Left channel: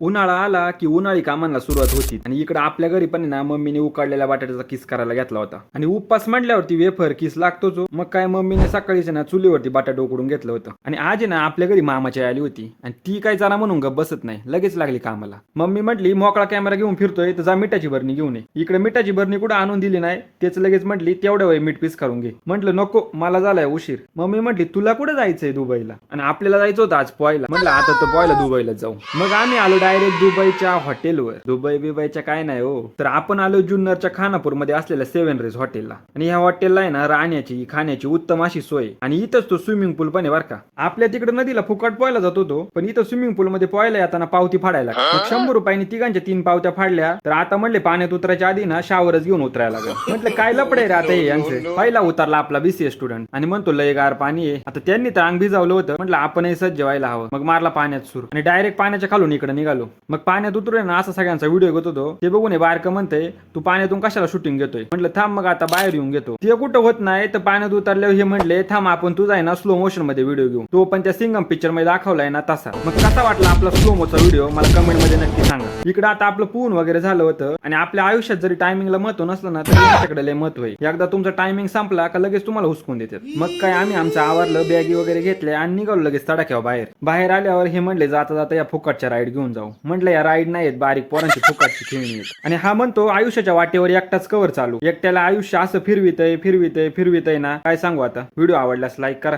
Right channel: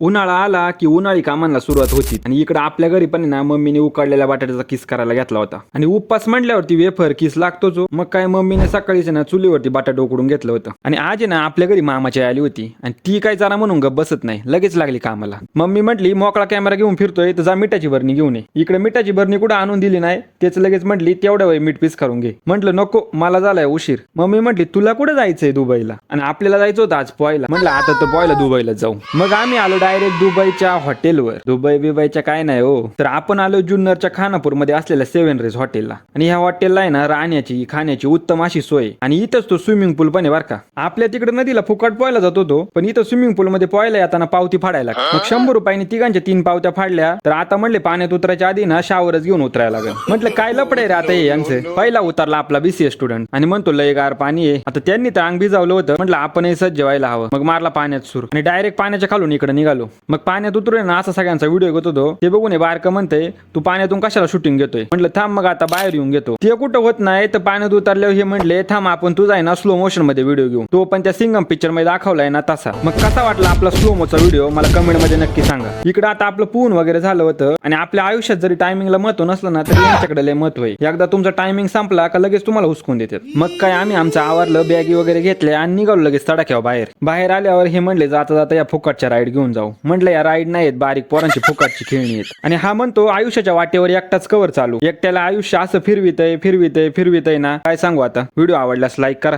उन्हाळा आला की उन्हाळी कामांना सुरुवात होती आणि इकडे आपल्या घरी पण ना मम्मीने उकडलेल्या बटाट्याचा किस करायला घेतला होता. आणि उपवास म्हटल्यावरती वेफर किस लागतोच हो. मग काय मम्मीने सकाळीच ना चुलीवरती बटाटा उकडून घेतलं होतं. आणि आज आहे ना आपल्या घरी मामाची आली होती आणि ती काय जरा म्हणून गप बसत नाही, लगेच लागली कामाला. मम्मी म्हटली मोकळा कॅमेरा घेऊन फिरतोय तर जा मिठाची भरणी घेऊन ये. इकडे मिठाची भरणी कुठं आणून दिली नाही, तेच लगेच म्हटली तेवढ्या वेळ मीठ पीस करून घे. म्हटलं नको, मला झालाय उशीर. मम्मी म्हटली तुला कुठे जायचंय दुबईला, आणि आपल्याला जायचं होतं आज पोहायला. म्हटलं आता तर पोहायला दुबईला जाऊ. मग आम्ही आलो डायरेक्ट दुबईच्या हॉटेलवर. दुबई बिबईच्या काय नाही हो, तर आपण आलो जुन्नरच्या खानापूर मध्ये असलेल्या 7 रेज हॉटेलला. आणि ह्या हॉटेलला आहे ना राहण्याची खाण्याची उत्तम अशी सोय, आणि इथंच तो स्विमिंग पूल पण आहे बरं का. आपल्या तिकडे नदीला फुकट पोहायला जात होतो, पण इथं स्विमिंग पूल मध्ये पोहायला येताना पावती फाडायला. मग 100 रुपयांनी तिघांच्या 3 पावत्या फाडल्या. तर आता म्हणले पाण्यात उतरायच्या आधी ना शावरच घेऊन उतरायला लागेल. म्हटलं काय लपडे रे आता हे यांचं. पहिला उतरला आपला BCA स्टुडंट आणि म्हणतो लय गार पाणी आहे. आता त्यांनी तर अंग भिजावलं होतं, म्हटलं आपणही सज्ज व्हायला हवं. मग मारला पाण्यात सुरू आणि डायरेक्ट पाण्याच्या खालून इकडे निघालो. मग पाण्यात उतरून ना असा सगळ्यांचा व्हिडिओ घेत होतो. ते बघून हे बारकं म्हणते तू पाण्यातून कशाला शूटिंग घेतोय. म्हटलं थांब मग आता बाहेर येऊन घेतो. ते कुठं होत नाही तर पाण्यात उतरल्यावर हे म्हणले थांब आपण तुझा आहे ना स्लो मोशन मध्ये व्हिडिओ घेऊ. तो पण त्या सिंगम पिक्चर मध्ये दाखवलाय ना तसा. मग कसा वाटला आपला स्लो मोचा व्हिडिओ मला कमेंट मध्ये नक्की सांगा. इकडे आता आपलं पून वगैरे झालं होतं, आणि आपल्या आयुष्यात जरी टायमिंगला महत्व नसलं ना तरी यांच्याकडे लय महत्व आहे. एकदा तुमचा टायमिंग संपला का लगेच तुम्हाला हुसकून देतात. मग काय आम्ही आमचं आवरलं, बॅगी वगैरे घेतल्या आणि निघालो लगेच तडाख्यावर बाहेर. बाहेर आल्यावर हे म्हणले जाता जाता या फुकटच्या राईड घेऊन जाऊ. म्हटलं या राईड नाहीत, बारीक पोरांची फुकटची खेळणी आहेत. आणि हा म्हणतो आयुष्याच्या वाटेवर एकटाच कवर चालू. एकट्याला आयुष्य असं फिरवितय फिरवितय फिरवितय ना काय सांगू. आता व्हिडिओ आवडल्यास लाईक करा.